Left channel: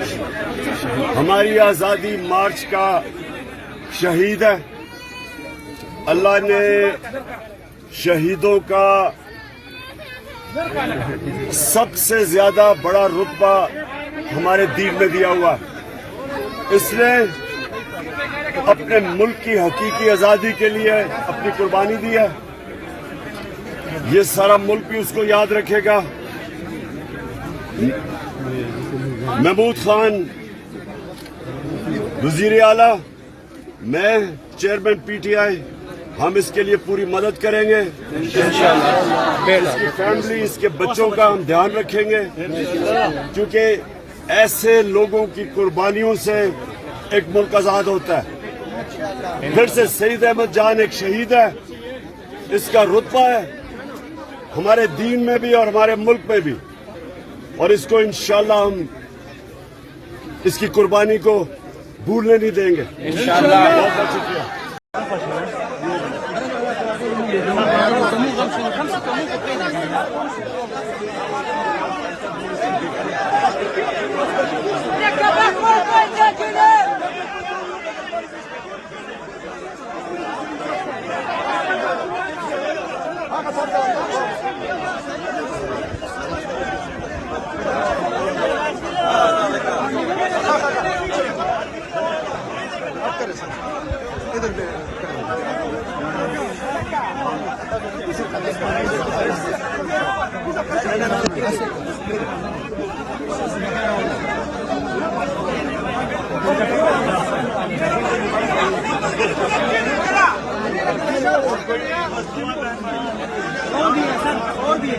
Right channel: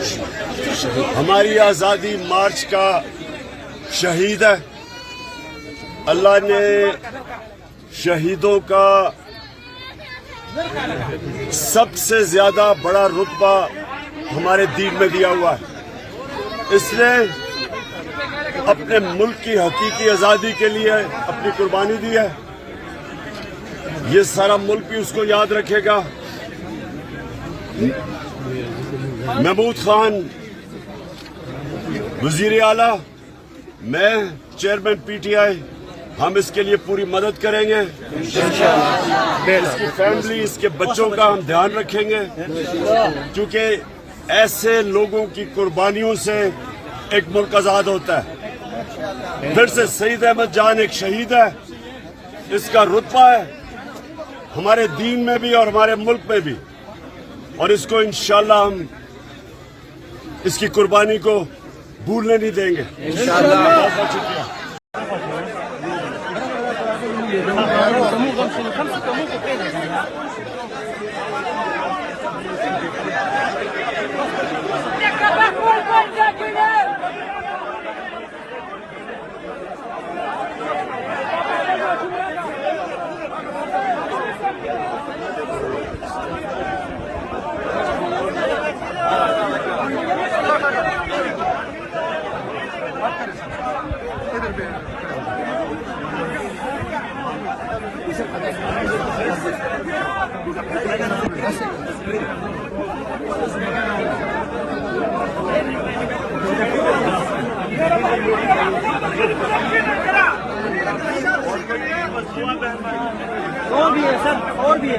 हमारी आज़ादी मार्च का शहीद है। अल्लाह ने शहीदों का सबसे ज्यादा बड़ा रुतबा हमारे दीन में दिया हुआ है। इसने अपने मुल्क की हकीकी आज़ादी के लिए अपनी कुर्बानी दी है। ये सारा मुल्क भी उसको याद रखेगा। महमूद खान वजीर आला, मैं चेयरमैन पीटीआई, हम इसके लिए पूरी मदद करेंगे। इसकी फैमिली, इसके बच्चों का हम ध्यान रखेंगे, क्योंकि ऐसे लोगों की कुर्बानियों से एक मुल्क आजाद होता है। फिर से सईद अहमद जान एक शहीद है। इसका रुतबा है हमारे दीन में भी और हमारे मुल्क में भी, और इसको इंशाअल्लाह हम इसकी कुर्बानी को भूलने नहीं देंगे इंशाअल्लाह। बहुत बहुत शुक्रिया। और भी है सर, और भी है।